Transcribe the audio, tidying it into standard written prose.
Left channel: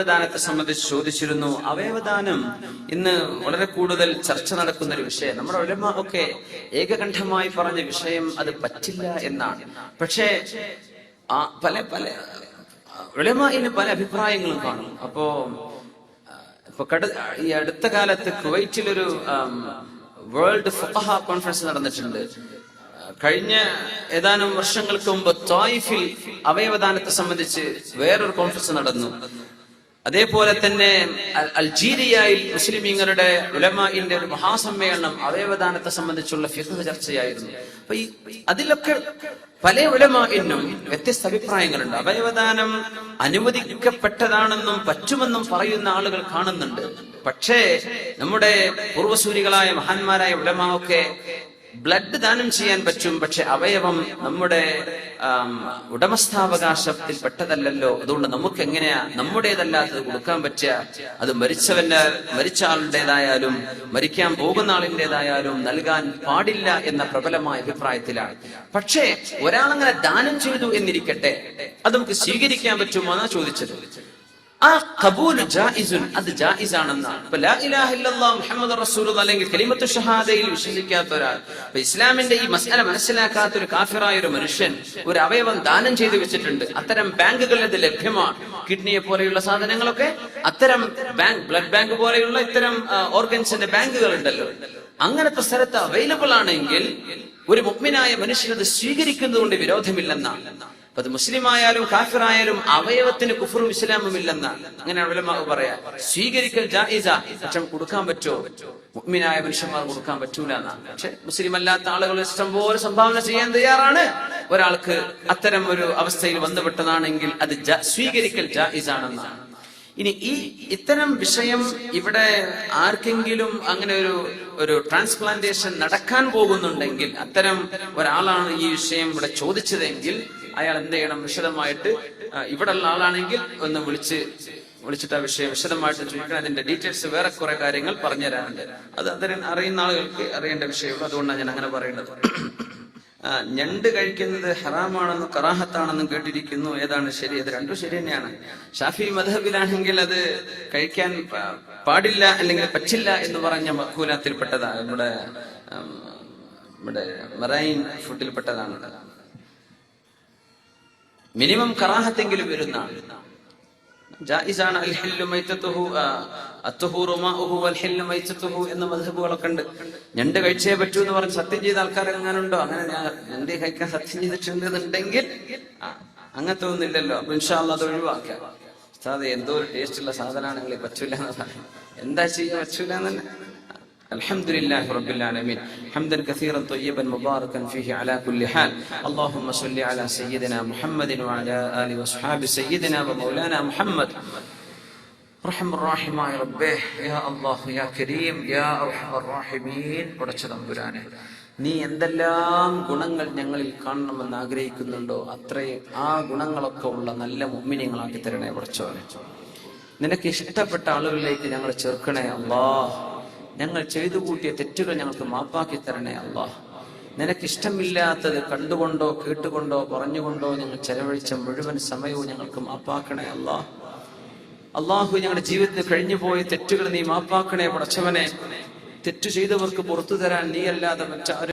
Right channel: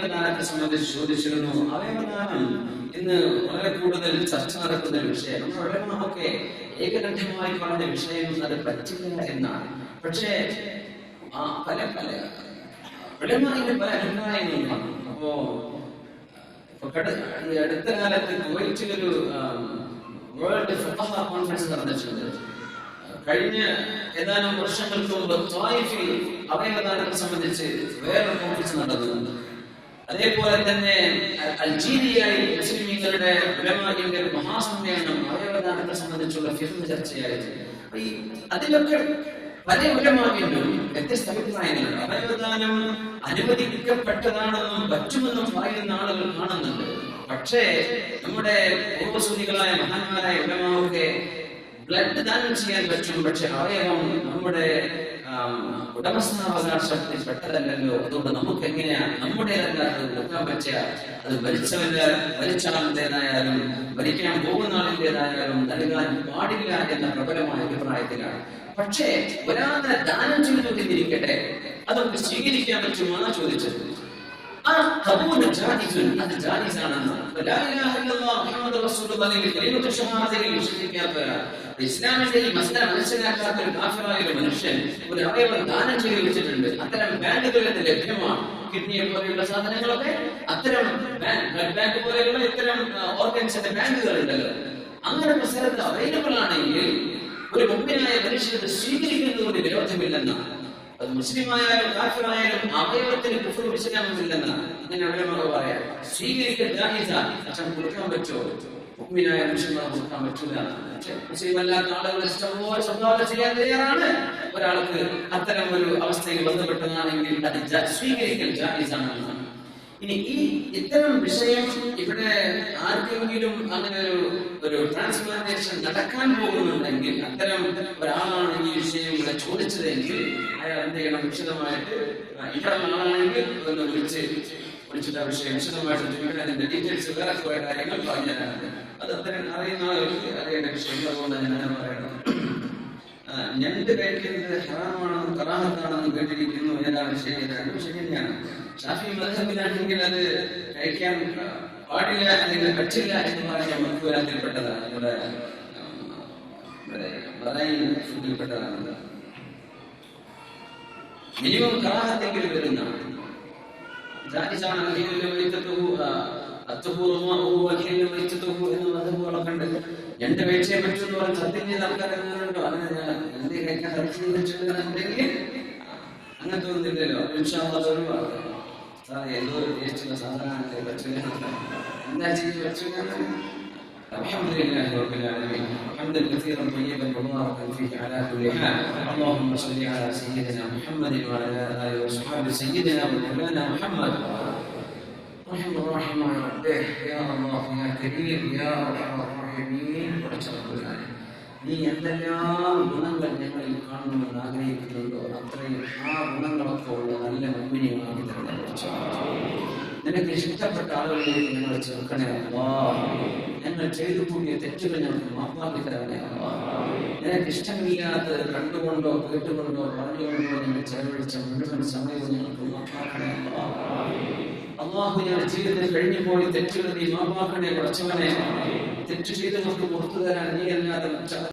അവയവദാനത്തെ സംബന്ധിച്ച് ചോദിച്ചിരുന്നു. അവയവദാനം ഇന്ന് വളരെ കൂടുതൽ ചർച്ച നടക്കുന്ന ഒരു വിഷയം. നമ്മുടെ ഉലമാ ഒക്കെ ഏകകണ്ഠമായി പറഞ്ഞ വിഷയം അത് പറ്റില്ല എന്നാണ്. പക്ഷേ പല ഉലമാഇന് പല അഭിപ്രായങ്ങളും കാണും. ഈ അടുത്ത കാലത്ത് കുവൈറ്റിലൊരു വേൾഡ് ഫഖഹ കോൺഫറൻസ് നടന്നിട്ടുണ്ട്. കഴിഞ്ഞ ഏതാനും വർഷങ്ങൾക്ക് മുമ്പ് ത്വായിഫിൽ അവയവദാനത്തെ സംബന്ധിച്ച് വേറൊരു കോൺഫറൻസ് നടന്നു. അതേപോലെ തന്നെ അൾജീരിയയിൽ മുസ്ലിമീങ്ങളുടെ ഉലമാഇന്റെ ഒരു മഹാസമ്മേളനം അവയവദാനത്തെ സംബന്ധിച്ചുള്ള ഫിഖ് ചർച്ചയായിരുന്നു. അപ്പൊ അതിലൊക്കെ പല ഉലമാഇനും വ്യത്യസ്ത അഭിപ്രായങ്ങളുണ്ട്. അവയവദാനം അനുവദിക്കപ്പെട്ടതാണെന്നും പറ്റുമെന്നും പറയുന്ന ആളുകൾ കാണുന്നുണ്ട്. പക്ഷേ നമ്മുടെ പൂർവസൂരികളായ മഹാന്മാരായ ഉലമാവൊക്കെ ബ്ലഡ് ദാനം ചെയ്യാൻ പറ്റും, പക്ഷെ അവയവം നമ്മുടെ ഉടമസ്ഥാവകാശത്തിൽ പെട്ടതല്ലല്ലോ, അതുകൊണ്ട് നമുക്ക് എങ്ങനെയാ നമ്മുടേതല്ലാത്തത് കൊടുക്കാൻ പറ്റുക? അത് മരിച്ച ആളുടേതായാലും മരിക്കാൻ പോകുന്ന ആളിൻ്റെതായാലും നൽകാൻ പാടില്ല എന്ന പ്രബലമായ അഭിപ്രായത്തിലാണ്. പക്ഷേ ഒരാളങ്ങനെ ദാനം ചെയ്തു എന്നിരിക്കട്ടെ, അത് നമുക്ക് സ്വീകരിക്കാൻ പറ്റുമോ എന്നാ ചോദിച്ചത്. ആ ഖബൂല് ജായിസുൻ, അത് ജായിസാണെന്നാണ്. ഇപ്പൊ ലാ ഇലാഹ ഇല്ലല്ലാഹ് മുഹമ്മദുർ റസൂലുള്ളാഹി അല്ലെങ്കിൽ കലിമത്തു ഷഹാദയിൽ വിശ്വസിക്കാത്ത ഒരാൾ, ഇപ്പൊ ഇസ്ലാമിന്റെ ഈ മസ്അല മനസ്സിലാക്കാത്ത ഒരു കാഫിറായ ഒരു മനുഷ്യൻ ഒരു അവയവം ദാനം ചെയ്തു വെച്ചിട്ടുണ്ട്. അത്തരം ബാങ്കുകളിൽ ഇത് ലഭ്യമാണ്. കിഡ്നിയെ പോലെയുള്ള സാധനങ്ങളൊക്കെ അത്തരം ബ്ലഡ് ബാങ്ക് പോലെയുള്ള ഇത്തരം ഓർഗൻസിന്റെ ബാങ്കുകൾ ഉണ്ടല്ലോ, അങ്ങനത്തെ സ്ഥലത്ത് അവൈലബിൾ ആണെങ്കിൽ ഒരു മുഅ്മിനായ മനുഷ്യൻ അത് സ്വീകരിക്കുന്നത് കൊണ്ട് വിരോധമില്ലെന്നാണ്. അത് മുസ്ലിം ആയാലും കാഫിറായാലും അവയവത്തിന് കുഫറും ഇസ്ലാമും ഇല്ലെന്നാണ്. അങ്ങനെയാണ് ഉലമാവ് പറയാ. സ്വീകരിക്കൽ ജായിസ, പക്ഷെ കൊടുക്കാൻ പറ്റുമോ? മുഅ്മിനായ മനുഷ്യന്മാർ കൊടുക്കാൻ പറ്റൂല എന്നാണ്. പക്ഷെ മുസ്ലിം അല്ലാത്ത ആളുകൾ ഇഷ്ടംപോലെ സംഭാവന ചെയ്യാൻ തയ്യാറാണ്. ഒരാൾക്ക് അത്തരം ഒരു അവസ്ഥയിൽ ബന്ധപ്പെട്ടതാണെങ്കിൽ അത് സ്വീകരിക്കൽ ജായിസാണെന്നാണ്. ഇനി ഇത്തരം വിഷയം ഇവിടെ ആർക്കെങ്കിലും അങ്ങനെ ഒരു ട്രാൻസ്പ്ലാന്റേഷൻ നടക്കാൻ പോകുന്നുണ്ടെങ്കിൽ, അത്തരം ഒരാളാണ് ഈ വിഷയം ഇവിടെ ചോദിച്ചതെങ്കിൽ അയാൾ എന്ത് ചെയ്യണം? വിശദമായിട്ട് ഇവിടെ ഉള്ള ആളാണെങ്കിൽ ഒന്ന് വിളിച്ചിട്ട് ആ വിഷയം വിശദമായിട്ട് ചോദിക്കണം. അതിന്റെ ഡീറ്റെയിൽസ് വേറെ കുറെ കാര്യങ്ങൾ പറഞ്ഞു തരാനുണ്ട്. അത് അത്തരം അറിയുന്ന ആളുകൾക്ക് അറിയേണ്ട വിഷയമുള്ളൂ. അതുകൊണ്ടാണ് ഞാൻ അങ്ങനെ പറയേണ്ടത്. ഞണ്ട് കഴിക്കുന്നത് ഹറാമാണെന്നും കറാഹത്താണെന്നും കേട്ടിരിക്കുന്നു. ഏതാണ് ശരി? ഇത് രണ്ടും ശരി തന്നെയാണ്. ഷാഫി മദ്ഹബിലാണെങ്കിൽ അത് കഴിക്കാൻ പാടില്ല അല്ലെങ്കിൽ പറ്റില്ല എന്ന് പറഞ്ഞ മഖൂലാത്തിൽപ്പെട്ടതാണ്. നമ്മുടെ മറൈൻ ഫുഡിൽപ്പെട്ടതാണ്. മിനിമം കറാഹത്തെങ്കിലും വരുന്നതാണ്. ജായിസാണ്. അൽഹില്ലു മൈതതുഹു അത്തുഹൂറു മാഉഹു വൽഹില്ലു മൈതതുഹു എന്ന മദ്ഹബുകളൊക്കെ ഉണ്ട്. ഞണ്ട് കഴിച്ചേ പറ്റൂ എന്ന് പറഞ്ഞ് സത്യം ചെയ്ത ആൾക്കാർ എങ്ങാനുണ്ടോ? അങ്ങനെ ഞാൻ ഞണ്ട് കഴിക്കാൻ സത്യം ചെയ്തിട്ടുണ്ട് എന്നുണ്ടെങ്കിൽ അങ്ങനത്തെ ഒന്നില്ലല്ലോ. അപ്പൊ ഇൻഷാ അല്ലാഹ് അത് ഒഴിവാക്കാം. സാധ എന്തോ ഒരു ടേസ്റ്റുള്ള സാധനമാണെങ്കിൽ പറ്റൂല എന്ന് പറയാം. എന്താ ചെയ്യാൻ പറ്റൂല എന്ന്. الحمدلله رب العالمين حمدا كثيرا طيبا مباركا فيه على كل حال اللهم صل على سيدنا محمد وعلى آله وصحبه سيدنا ومولانا محمد رحم الراحمين يا ربه يا الله يا كريم يا أرحم الراحمين പടച്ചതമ്പുരാനെ, നീ എന്തെല്ലാം ഗുണങ്ങൾ ഞങ്ങളിൽ കാണണമെന്ന് ആഗ്രഹിക്കുന്നുണ്ടോ അത്രയും ആ ഗുണങ്ങളൊക്കെ ഉള്ള നല്ല മുഅ്മിനീങ്ങളാക്കി തരണേ പടച്ചവനെ. നിനക്ക് ഇഷ്ടപ്പെട്ട ആളുകളിലേക്ക് ഞങ്ങളെ ചേർക്കണേ അല്ലാഹ്. ഞങ്ങൾ ചെയ്തു കൂട്ടിയ തെറ്റുകൾ ഞങ്ങൾക്ക് മാപ്പാക്കി തരണേ അല്ലാഹ്. നിനക്കിഷ്ടമില്ലാത്തത് കണ്ടുകൊണ്ടോ കേട്ടുകൊണ്ടോ പറഞ്ഞുകൊണ്ടോ ഞങ്ങൾ ചെലവഴിച്ച മുഴുവൻ സമയവും ഞങ്ങൾക്ക് മാപ്പാക്കണേ അല്ലാഹ്. അള്ളാഹു ഞങ്ങളുടെ ജീവിതത്തിൽ കഴിഞ്ഞു പോയ തെറ്റുകൾ നീ മാപ്പാക്കണേ പടച്ചവനെ. തെറ്റു ചെയ്തവർക്ക് പുറത്തു തരാൻ നീ അല്ലാതെ മറ്റാരും